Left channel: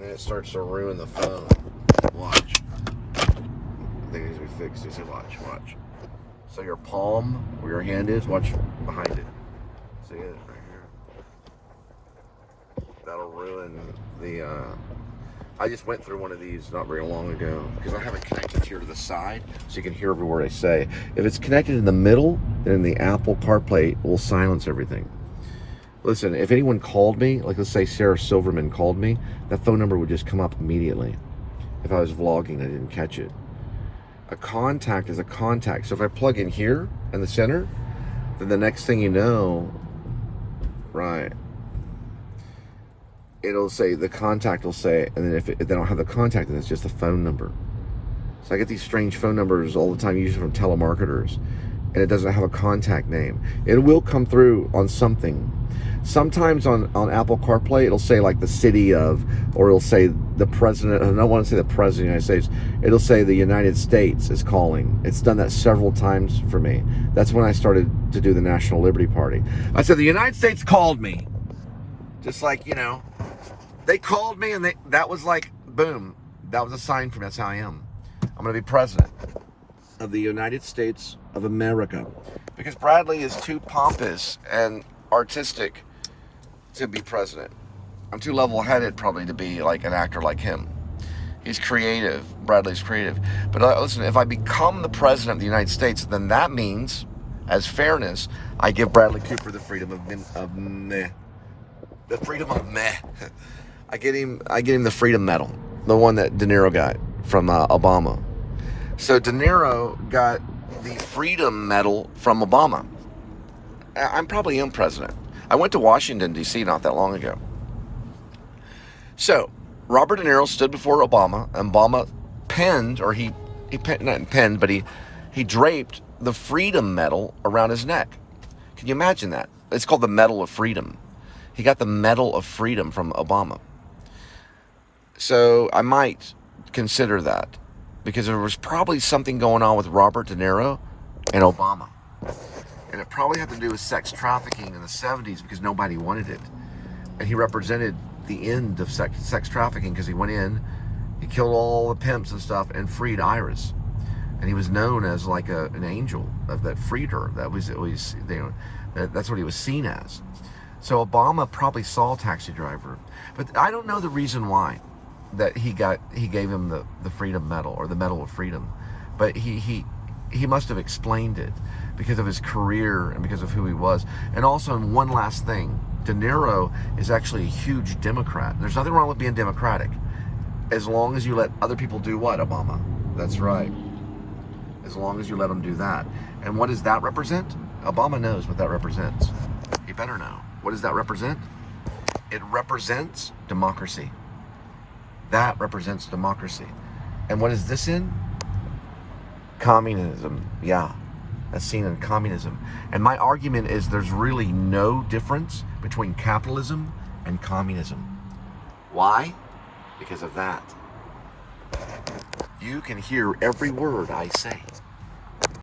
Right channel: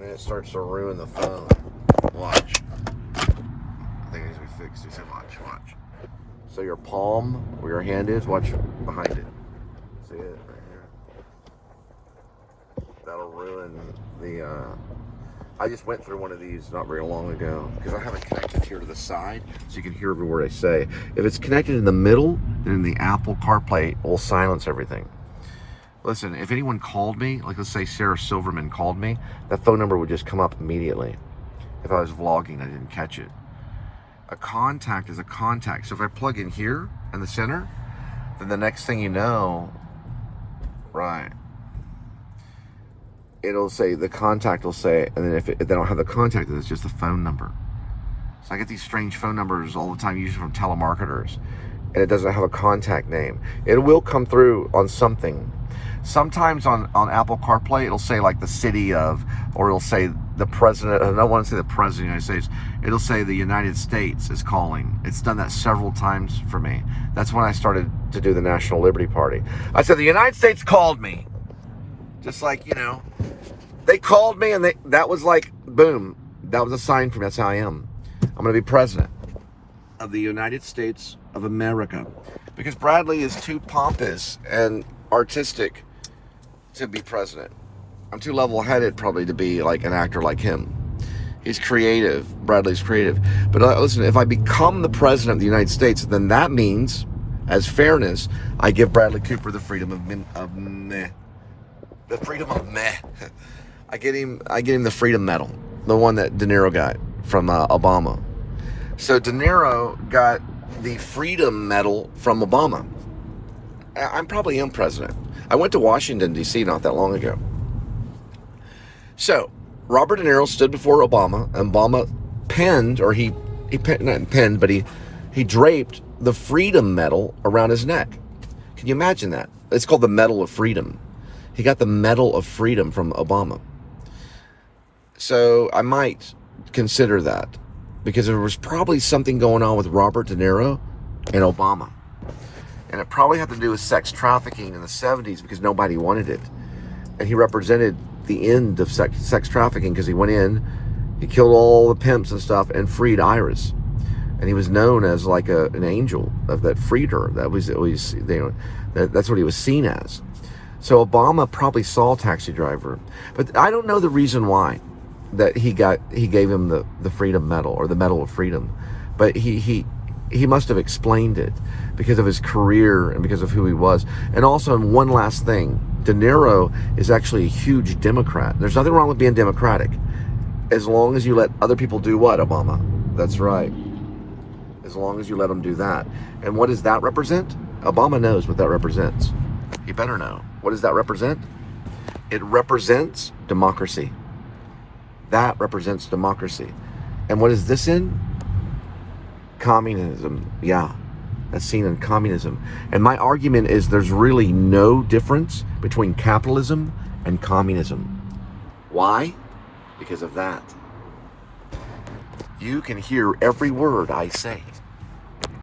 and then it starts to ruin the phone. Watch. I think it needs to be fixed. You say, watch. So your palm, where your hand is, watch behind it. See it right here? That'll ruin the, I just went through one of these not very long ago because I have it connected here to the side so you can hear every word I say. If it's connected in the middle, then the Apple CarPlay will silence everything. Listen, if anyone called me, like let's say Sarah Silverman called me, that phone number would just come up immediately. If I was vlogging, I didn't catch it. A contact is a contact. So if I plug in here in the center, then the next thing you know, right, it'll say, the contact will say, and then if they don't have the contact, then it's just a phone number. So I get these strange phone numbers all the time, usually from telemarketers, and it doesn't have a contact name. It will come through on something. Sometimes on Apple CarPlay, it'll say like the city of, or it'll say the president. I don't want to say the president of the United States. It'll say the United States is calling. It's done that several times for me. That's when I started to do the National Liberty Party. I said, the United States called me. Just like, you know, they called me and that was like, boom. That was a sign for me. That's how I am. I'm going to be president of the United States of America. Because Bradley is too pompous and artistic to be president. I'm too level-headed probably to be like an actor like him. He's creative. Bradley's creative. But listen, if I become the president of the United States, then that means, as fairness, I give Bradley Cooper the freedom of meh. The freedom of meh. I get him the Freedom Medal, the one that De Niro got from Obama. So De Niro got the Freedom Medal from Obama. I'm probably am president. I went to Washington, D.C. not that long ago. So, Robert De Niro stood before Obama, and Obama penned, or he not penned, but he draped the Freedom Medal around his neck. Can you imagine that? It's called the Medal of Freedom. He got the Medal of Freedom from Obama. So, I might consider that, because there was probably something going on with Robert De Niro and Obama. And it probably had to do with sex trafficking in the 70s because nobody wanted it. And he represented the end of sex trafficking because he went in, he killed all the pimps and stuff and freed Iris. And he was known as like an angel that freed her. That's what he was seen as. So Obama probably saw Taxi Driver. But I don't know the reason why that he gave him the Freedom Medal or the Medal of Freedom. But he must have explained it because of his career and because of who he was. And also, and one last thing, De Niro is actually a huge Democrat. There's nothing wrong with being Democratic, as long as you let other people do what, Obama? That's right. As long as you let them do that. And what does that represent? Obama knows what that represents. He better know. What does that represent? It represents democracy. That represents democracy. And what is this in? Communism. Yeah, that's seen in communism. And my argument is there's really no difference between capitalism and communism. Why? Because of that. You can hear every word I say.